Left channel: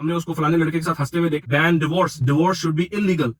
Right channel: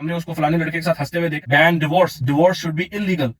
हमने उसको फलाने लड़के के साथ हंसते हुए देखा। Ban divorce, divorce should be illegal.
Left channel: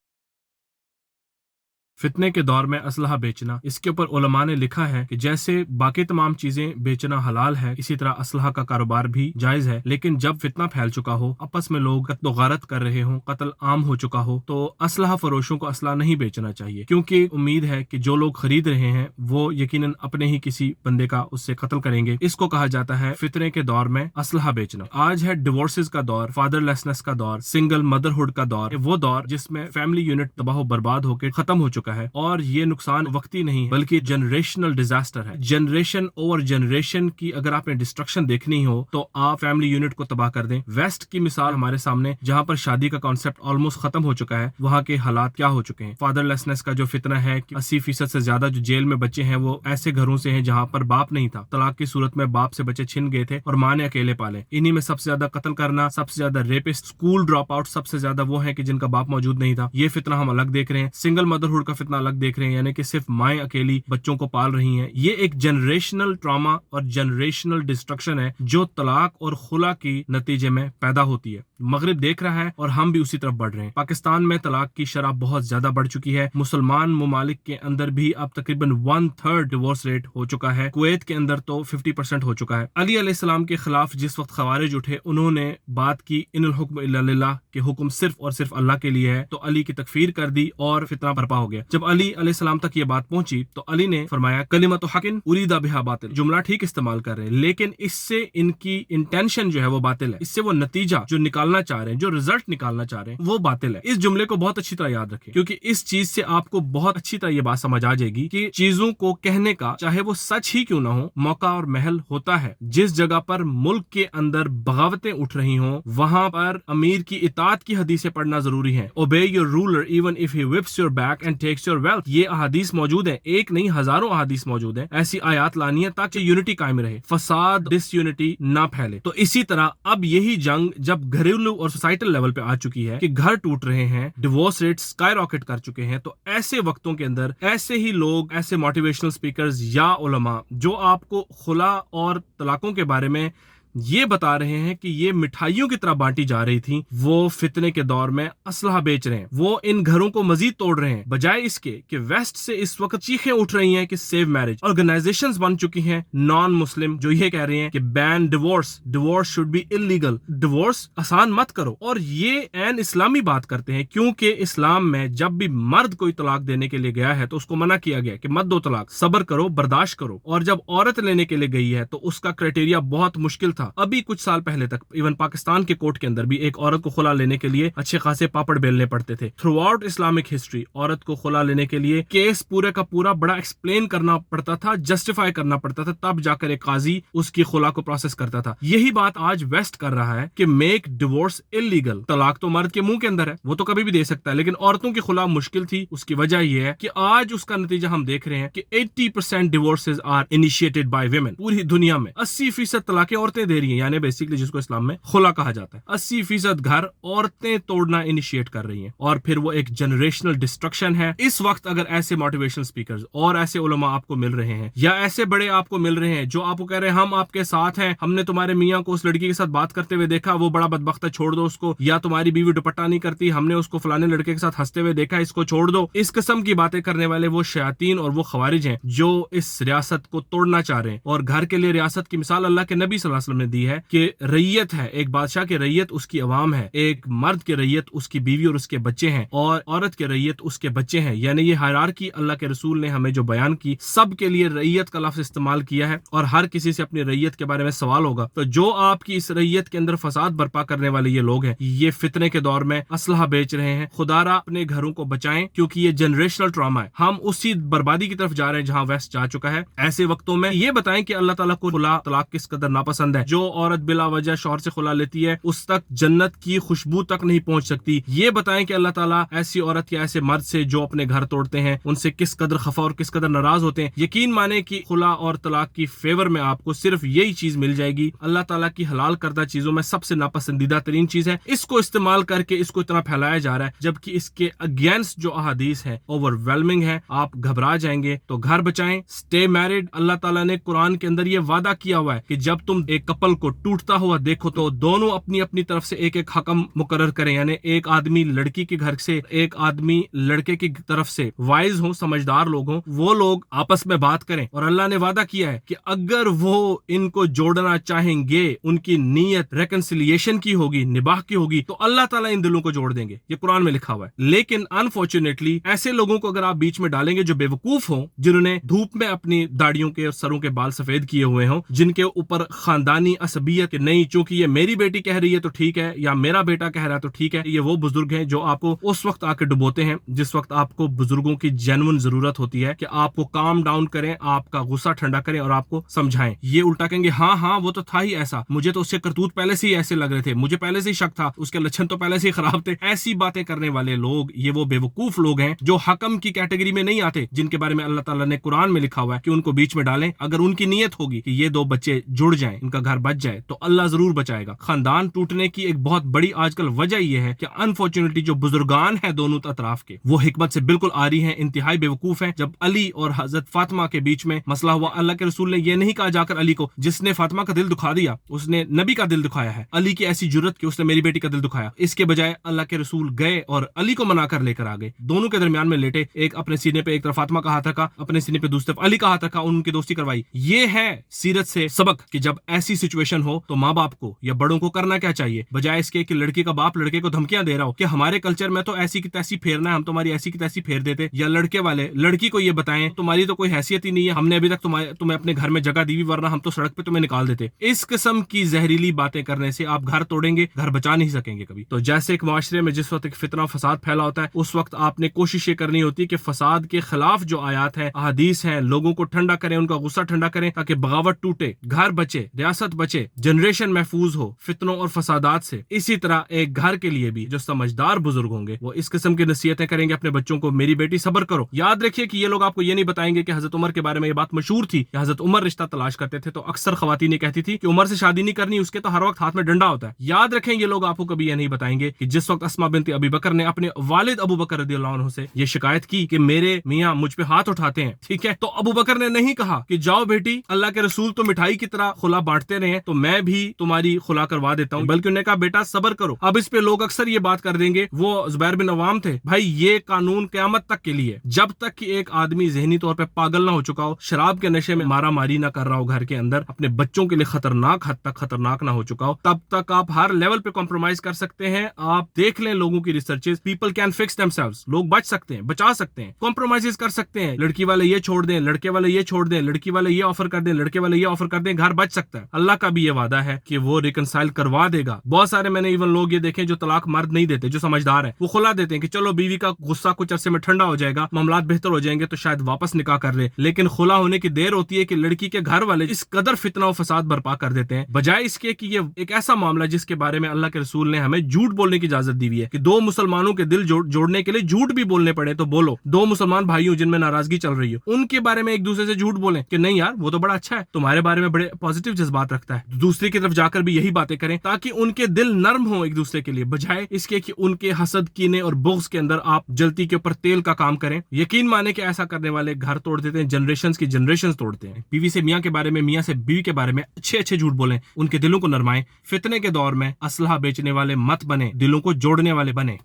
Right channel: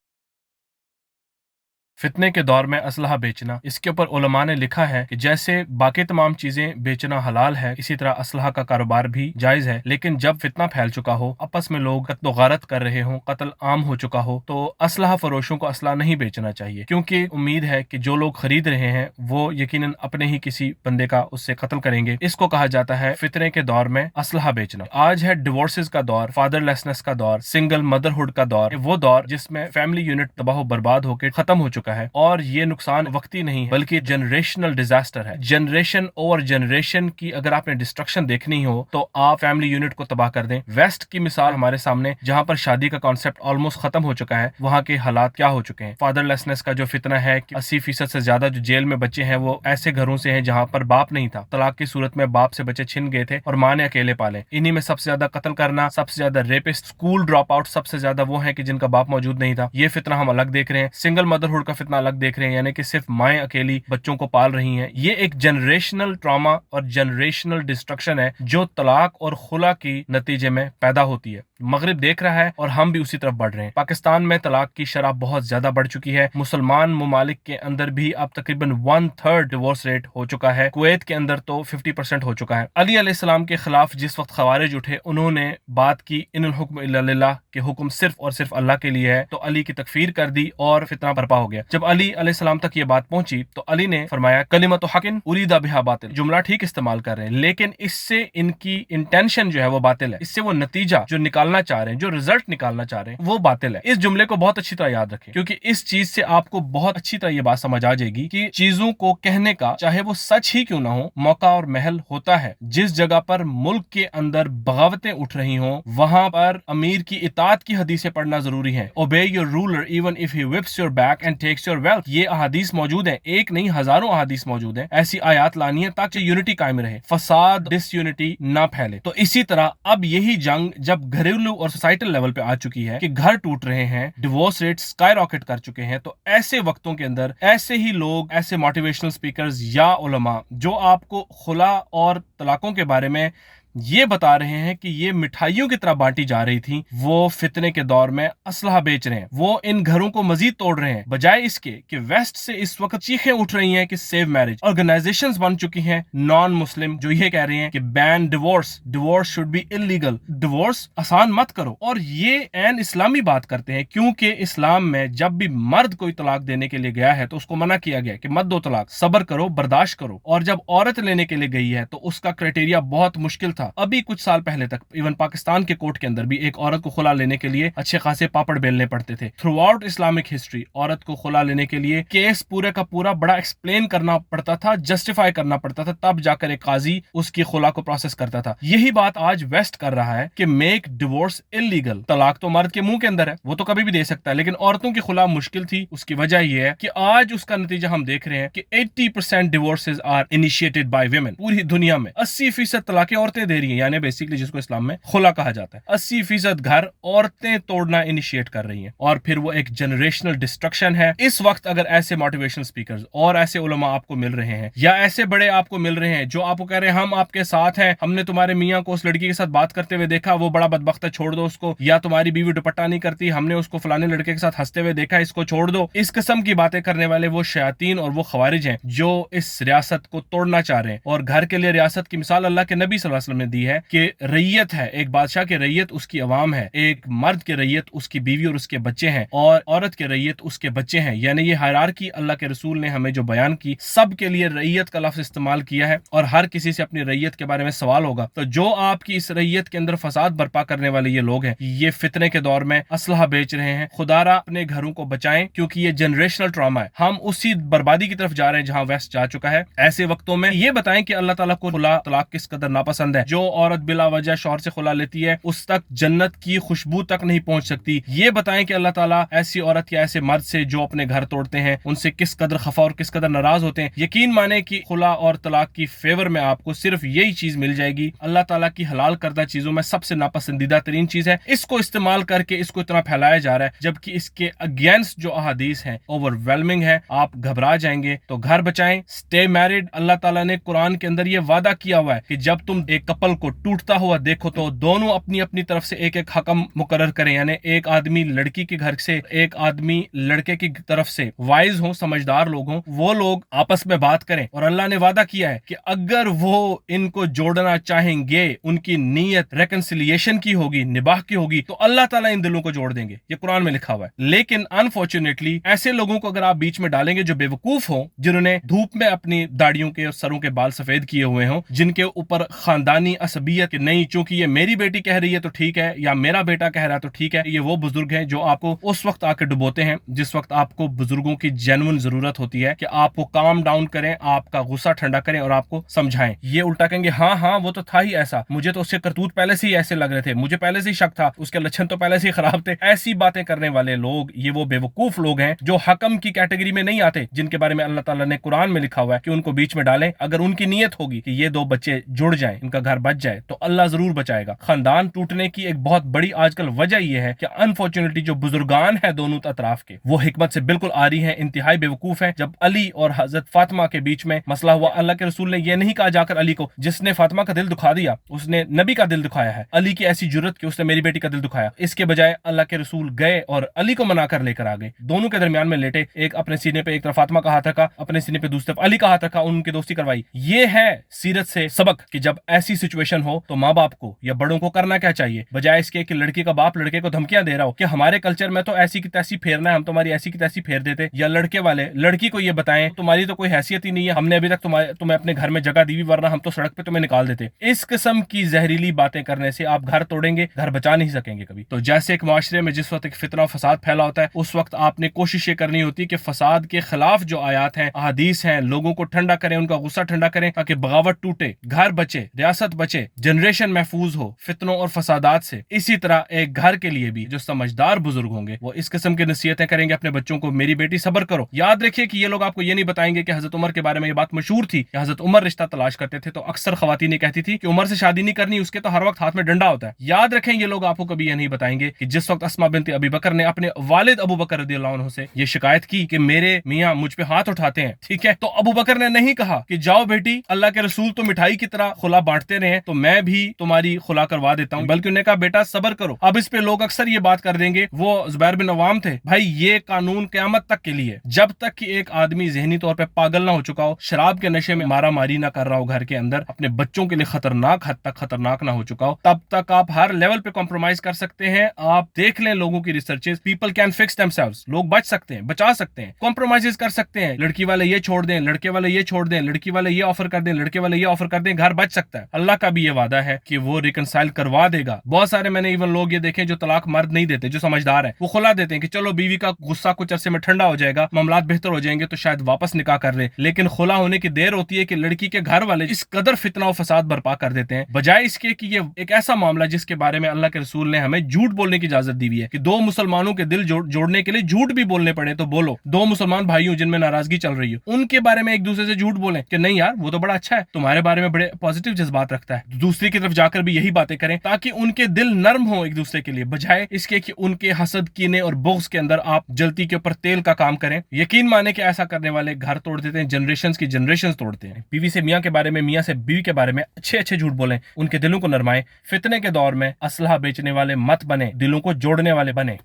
फितने के दौर में असलहा बेचना, इसके ऊपर उलमा ने लिखा है कि जैसे बाकी तमाम चीजें बेचना हलाल है, इसी तरह असलहा का कारोबार भी जायज है। लेकिन जब फितना फैल चुका हो, आपस में लोग कत्ल गारत कर रहे हो, कत्ल आम हो चुका हो, तो असलहा फरोशों को असलहा नहीं बेचना चाहिए, क्योंकि उम्मीद है कि जो लोग खरीद रहे हैं वो यकीनन अपने ही किसी बंदे का उससे कत्ल करेंगे। इसको कहा जाता है फितने के दौर में असलहा बेचना। आज है डिवोर्सेस का दौर, फादरलेसनेस का दौर, सिंगल मदरहुड का दौर, वो दौर जिसमें फैमिली यूनिट तबाह बर्बाद होकर खत्म हो चुका है। और ये नुकसान वक्ती नहीं है बल्कि जनरेशनल डिजास्टर है। जनरेशन ओवर जनरेशन की अगर आपने डिस्ट्रक्शन देखनी हो तो आप फैमिली यूनिट को तबाह कर दें। वेस्ट की मिसाल हमारे सामने, जहां पर शादी का कॉन्सेप्ट ऑलमोस्ट खत्म हो चुका है, वहां के हालात क्या हो चुके हैं। फादरलेसनेस का जो फितना है कि 80% से ज्यादा जो जेल में बच्चे हैं वो ऐसे घरों से हैं जहां पर बाप नहीं था। तलाक की सूरत में बाप से बच्चे छिन गए थे और माँ ने अकेले पाले। इन्हीं में सबसे ज्यादा कत्ल करना, सबसे ज्यादा रेपिस्ट, स्कूल ड्रॉप आउट सबसे ज्यादा वो है कि जिनका बाप मौजूद नहीं था। ये फितना हम अलग देख रहे हैं। सिंगल मदरहुड का फितना अलग देख रहे हैं, यानी कि सिर्फ माएं अकेली बच्चों को पाल रही हैं। ये एक जनरेशनल ट्रॉमा और जनरेशनल डिस्ट्रक्शन है जो तलाक और खुला की नतीजे में पैदा होती है। मगरिब देख रहा है और हम भी उसी तरफ बढ़ रहे हैं। पाकिस्तान में तलाक की शरह बहुत ज्यादा बढ़ चुकी है। मुसलमान ममालिक के अंदर भी अब तकरीबन 1/3 डिवोर्स रेट हो चुका है। कुवैत के अंदर तो 50% हो चुका है। अली अलैहिस्सलाम के खिलाफ जिस वक्त खवारिज उठे, उन्होंने बात की इन्नल हुक्म इल्ला लिल्लाह, के हुक्म सिर्फ और सिर्फ अल्लाह के लिए है, तो अली की तकफीर कर दी और फितना बर्पा हो गया। जब अली अलैहिस्सलाम तक ये बात पहुंची तो अली ने फरमाया कलिमतु हकिन उरीदा बिहा बातिल। जुमला ठीक इस्तेमाल कर रहे हैं, लेकिन इससे इनकी इंटेंशन जो है वो बातिल है। इससे वो नतीजा जो निकालना चाह रहे हैं, जो रिजल्ट निकालना चाह रहे हैं, वो बातिल है। इस जुमले को बहुत अच्छी तरह याद रखें, क्योंकि इस चीज से आपको बहुत अच्छी तरह ये बात समझ आ जाएगी कि चीजों को कहने का, चाहे वो सच ही क्यों ना हो, मौका और महल होता है। जिस जगह पर मुल्क के अंदर बगावतें उठ रही हों, वहां पर अमीर की इताअत की हदीसें पढ़ना जरूरी है। ओबे your ruler even if he whips your back and takes your wealth। ये अहादीस मौजूद है, एक नहीं हजारों अहादीस मौजूद है। ऐसी आयात लानी है ताकि यूनिटी कायम रहे, फसाद डिसयूनिटी ना फैले। तो इसी तरह अब यही जंग जब घरेलू और सोसाइटल लेवल पे आ चुकी है कि घर टूट रहे हैं, डिवोर्स रेट स्काई रॉकेट कर चुके हैं, तो ऐसे वक्तों के अंदर ऐसे ही लोग, ऐसे मोटिवेशनल स्पीकर्स या उलमा जो आपको खुला और तलाकों के बारे में ये बता रहे हैं कि ये मिठाइयों की तरह बांटी जा रही थी, वो फितने के दौर में असलहा बेच रहे हैं। वो इन घरों को मजीद तोड़ रहे हैं, बजाय इसके कि वेस्ट से इस वक्त चीखें उठ रही हैं कि सेव मैरिज। ऑर्गेनाइजेशंस बन चुकी हैं नॉन मुस्लिम जो ये कह रहे हैं कि ban divorce, divorce should be illegal, divorce आसान मत करो। और ये एन इस्लामी बात करते हैं, क्योंकि इस्लाम में जब भी मर्द कोई तलाक देने के लिए गया है तो उसको मना किया गया कि मत दो तलाक, सब्र करो, बर्दाश्त करो। और जब औरत लेने के लिए गई है तो उसका क्राइटेरिया बहुत मुश्किल था। अभी कुछ साल पहले तक इवन पाकिस्तान के कोर्ट के अंदर भी एक औरत को खुला लेने के लिए अच्छे खासे पापड़ बेलने पड़ते थे। थ्रू आउट इस्लामिक हिस्ट्री औरत को खुला लेने के लिए केस पूरे का पूरा बड़ा एक्सप्लेन करना पड़ता था, जस्टिफाई करना पड़ता था, तब जाकर एक काजी उसकी खुला को प्रोसेस करता था। यही बात आज वेस्ट कर रहा है कि मेक डिवोर्स इलीगल। तलाक तो मर्द के मुंह के अंदर है, वो तो कभी भी दे सकता है, लेकिन औरतों की खुला मुश्किल थी। उसकी वजह यह है कि आज उसका नतीजा हम देख रहे हैं कि 80% divorces are initiated by women. पूरी दुनिया में 80% तलाकें औरतें दे रही हैं, यानी बेसिकली जिसको इस्लाम में खुला कहा जाता है। 80% घर औरतें तोड़ना इनिशिएट कर रही हैं, और फिर वो एक जनरेशनल डिस्ट्रक्शन है। इस वक्त अगर ऐसे मोटिवेशनल स्पीकर्स और ऐसे उलमा आपको मिल रहे हैं, या ऐसे बड़े आपको मिल रहे हैं जो आपको कह रहे हैं हम आपके साथ हैं, हमने तुम्हारे मियां को उस लड़की के साथ बात करते हुए देखा, वो बड़ा बदबख्त है, छोड़ दो उसको, या तुम्हारी बीवी दुपट्टा नहीं करती, हमने उसको फलाने लड़के के साथ हंसते हुए देखा, इसको छोड़ दो, इस किस्म की बातें करने वाले वो शयातीन और वो खवारिज हैं जो इस रियासत को तोड़ना चाह रहे हैं। और घर के लिए रियासत की मिसाल अल्लाह के नबी सल्लल्लाहु अलैहि वसल्लम ने दी है कि रैयत है, एक बादशाह की रैयत उसकी अवाम है, एक मर्द की रैयत उसकी बीवी और उसके बच्चे हैं, और औरत की रैयत उसके बच्चे हैं। यानी ये हायरार्की अल्लाह के रसूल ने हमें जो बयान की, सब के लिए रैयत का लफ्ज इस्तेमाल किया है, और हर किसी से अपनी रैयत के बारे में सवाल होगा। तो जो आपकी इस रैयत के अंदर फसाद बर्पा करने वाले ये लोग हैं, ये फितने के दौर में असलहा बेच रहे हैं। खुदारा अपने घरों को बचाएं, क्योंकि ये जनरेशनल ट्रॉमा है। हम उसी बर्बादी की तरफ जा रहे हैं जहां वेस्ट जा चुका है। ऐसे वक्तों में ये बताएं कि अल्लाह ताला को खुला तलाक किस कदर नापसंद है। जो औरत बिला वजह शौहर से खुला लेती है, उस तक जन्नत की खुशबू तक नहीं पहुंच सकती। ये बताएं कि अल्लाह ताला ऐसी औरत या ऐसे मर्द से जो अपने घर तोड़ते हैं, उनसे किस कदर खफा और किस कदर नाराज होते हैं। यकीन माने कि खुला और तलाक की फेवर में आपको सिर्फ यही चीज मिल जाएगी। अल्लाह ताला की हलाल करदा चीजों में सबसे नापसंदीदा तरीन चीज है। इसको इस्तेमाल करके इसको इतना फैलाया जा रहा है, जबकि इसके अगेंस्ट जो अहादीस है ओवरवेलमिंग है। आप घबरा जाएंगे। तो घर बचाएं, स्टे मैरिड। अल्लाह ताला ने कुरान के अंदर ये वादा किया हुआ है कि जब तुम एक کپل کو ٹوٹتا ہوا دیکھو تو دونوں اپنی اپنی طرف سے ایک ایک حکم مقرر کریں، یعنی ایک آدمی لڑکی کے گھر سے، ایک آدمی لڑکے کی طرف سے وائز ہوں، سمجھدار لوگ ہوں، وہ لوگ آپس میں بات کریں. اور اللہ نے وعدہ کیا ہے کہ اگر وہ ان کو جوڑنا چاہیں گے، ان کی نیت ریکنسیلیشن کی ہوگی، نباہ کی ہوگی، تو اللہ تعالیٰ ان دلوں کو جوڑ دیں گے. یہ قرآن میں لکھا ہوا ہے. لیکن انفارچونیٹلی ایسے لوگوں کو اگر آپ بیچ میں ڈالیں گے جو بے وقوف ہوں، جنہوں نے دھوپ میں اپنی داڑیوں کے اور سروں کے بال سفید کیے ہوئے ہوں، جن کے اوپر خاندانی عصبیت کہ نہیں چونکہ یہ میری بیٹی کہہ رہی ہے تو ٹھیک ہے، یا میرا بیٹا کہہ رہا ہے تو ٹھیک ہے، یہ وہ بزرگ ہیں جو آپ کو اس وقت آ کے ڈبوتے ہیں جس وقت آپ کو بزرگوں کی جینون ضرورت ہوتی ہے کہ آپ کو کام ڈاؤن کریں، آپ کا غصہ ٹھنڈا کریں اور آپ کو سمجھائیں. یہ الٹا کہیں گے ہاں ہاں وہ تو تھا ہی ایسا، مجھے تو اس سے کرتوت پہلے سے ہی ایسے لگ رہے تھے، مجھے پہلے سے ہی شک تھا، اس کے لچھن تو پہلے سے ہی خراب تھے. ایسی باتیں کرنے والے لوگ یہ وہ بے وقوف لوگ ہیں جو حکم کی کیٹیگری میں نہیں آتے، جن کے بارے میں اللہ تعالیٰ نے قرآن میں لکھا ہوا ہے کہ ان کو بیچ میں ڈالیں. اگر ان کی نیت ہوگی کہ یہ دو بچے جڑ جائیں، ان کا گھر بچ جائے، تو اللہ ضرور بچائے گا. خاندان ٹوٹنے کی ایک بہت بڑی آج کل وجہ یہ ہے کہ انفارچونیٹلی جو بزرگان ہیں دونوں اطراف کے، وہ حکمت سے بالکل آری ہیں، انتہائی بے وقوف ہیں. جب علی اور حضرت فاطمہ کے بیچ میں مسئلہ ہوا، اللہ کے رسول نے یہ نہیں کہا جا کر علی کو، جس نے فاطمہ کا دل دکھا دیا اس نے نبی کا دل دکھایا ہے، علی کی ایسی جرت کہ اس نے میری بیٹی کا دل دکھایا. اس کے بجائے اللہ کے رسول گئے اور علی کو منا کر لے کر آ گئے، دونوں کے درمیان میں لیٹے، ایک اپنے سینے پہ ایک طرف فاطمہ کا ہاتھ رکھا، اپنے سینے پہ دوسری طرف علی کا ہاتھ رکھا، ان کی دوستی کروائی. یہ ہے سیرت سے سبق کہ جب ایسی سچویشن ہو تو ماں باپ کو یا بڑوں کو کرنا کیا چاہیے، بجائے اس کے کہ لڑکی کا باپ لڑکے کو دھمکیاں دے رہا ہو کہ ہمارے کلچر میں تو ایسی کی تیسی پھیرنا ہے، ہم تمہاری ایسی کی تیسی پھیر دیتے، یا لڑکے والے لڑکی کو یہ بتائیں تمہاری تو کوئی حیثیت ہی نہیں ہے، ہم نے ابھی تک تمہیں اپنے گھر میں جگہ دی ہوئی، ورنہ ہم تو سڑک پہ تمہیں نکال دیتے. اس قسم کی زہریلی باتیں کرنے سے آپ گھر توڑیں گے، گھر بچا نہیں سکیں گے کبھی. تو جیسے ایک معاشرے میں جس وقت ایک فتنہ و فساد پھیلا ہوتا ہے، اس وقت آپ نے کوشش یہ کرنی ہوتی ہے کہ فساد کے خلاف جو آیات ہیں، احادیث ہیں، لوگوں کو ٹھنڈا کریں، ان کا غصہ ٹھنڈا کریں تاکہ بغاوت ٹوٹے، گھر بچے، ریاست بچے، جنریشن محفوظ ہو فتنوں اور فسادات سے. اسی طرح ایک گھر کے لیے بھی جو سمجھدار بزرگ ہوں گے وہ اس قسم کی نصیحتیں کریں گے اپنے بچوں کو، میری بیٹی صبر کرو. یاد رکھیے کہ یہ لوگ آپ کو یہ نہیں بتائیں گے کہ حضرت عمر کے بارے میں یہ بات مشہور تھی کہ حضرت عمر رشتہ تلاش کرتے تھے تو اکثر خواتین کہتی تھی کہ عمر سے شادی نہیں کرنی، اس کے تو ہر وقت ہاتھ میں ڈنڈا ہوتا ہے. یاد رکھیں یہ لوگ آپ کو کبھی یہ نہیں بتائیں گے کہ جس وقت اسماء بنت ابی بکر نے اپنے والد ابو بکر رضی اللہ عنہ سے یہ شکایت کی کہ میرے میاں مجھ پہ ہاتھ اٹھاتے ہیں، ٹھیک ہے، تو ابو بکر نے نہیں کہا کہ جاؤ بیٹی اللہ کے رسول تو مٹھائی کی طرح خلا بانٹتے رہے تو میں بھی تمہاری خلا کروا دیتا ہوں، بلکہ انہوں نے کہا بیٹا صبر کرو. اب اس پہ لوگ اکثر یہ بات کر دیں گے، وہ زبیر بن عوام تھے، بھائی یہ قانون قیامت تک کے لیے، جب تک کہ ایک آدمی ذہنی طور پہ پاگل نہ ہو چکا ہو، شراب کے نشے میں مارا ماری نہ کر رہا ہو گھر کے اندر، اپنے بچوں کے لیے خطرناک حد تک خطرناک نہ ہو چکا ہو، تب تک آپ ہر لیول پہ کمپرومائز کر سکتے ہیں. آپ دیکھ لیں لوگوں کی researches, people can fix them selves, لوگ بچ سکتے ہیں، بچا سکتے ہیں، کمپرومائز کر سکتے ہیں. لڑکی والے یہ چھوڑ دیں، لڑکے والے یہ چھوڑ دیں، لڑکی والے یہ آفر کر دیں، لڑکے والے یہ آفر کر دیں، گھر بچ سکتا ہے. اللہ کا بھی یہ وعدہ ہے کہ وہ ریکنسائل کروا دے گا. بہت سارے میں نے ایون لوگ یہ دیکھیں جو طلاق مرد نہیں دیتے، جو سمجھدار ہیں، وہ خلا دیتے ہیں کہ چلو بیوی کا غصہ کچھ عرصے میں ٹھنڈا ہو جائے گا، معاملات بہتر ہو جائیں گے تو شاید واپس نکاح کر دے. لیکن خلا ہونے کی دیر ہوتی ہے کہ لڑکی کے گھر والے اس قدر فتنہ و فساد برپا کر دیتے ہیں، بجائے اس کے کہ یہ ایک ایسا معاملہ جس کے بارے میں اللہ کے رسول نے ہمیں جھوٹ بولنے کی اجازت دی ہوئی ہے کہ دو مسلمانوں کے دل جوڑنے کے لیے جھوٹ بھی بولنے پڑے تو بولو. دو مسلمان بھائیوں جن میں ناراضگی چل رہی ہو، ان کے بارے میں ایک دوسرے سے جھوٹ بولیں کہ نہیں یار وہ تو بڑا اچھا ہے، تمہارے بارے میں بڑے پازیٹیو جذبات رکھتا ہے. دوسری کی طرف جا کر بھی یہی باتیں کریں تاکہ ان کے دل نرم ہوں ایک دوسرے کے لیے، بجائے اس کے کہ ان کے حسد، کینے اور بغض کے اندر آپ جلتی کے اوپر تیل کا کام کریں. یقین مانے کہ ایسا کرنے والے گھر توڑ دیتے ہیں، جنریشنز کی جنریشنز توڑتے ہیں. بیوی سے میاں کے بارے میں، میاں سے بیوی کے بارے میں اچھے اچھے جھوٹ بولیں، ان کے دلوں کو نرمائیں. فتنے کے دور میں اسلحہ بیچنے والے مت بنے، دلوں کو جوڑنے والے بنے.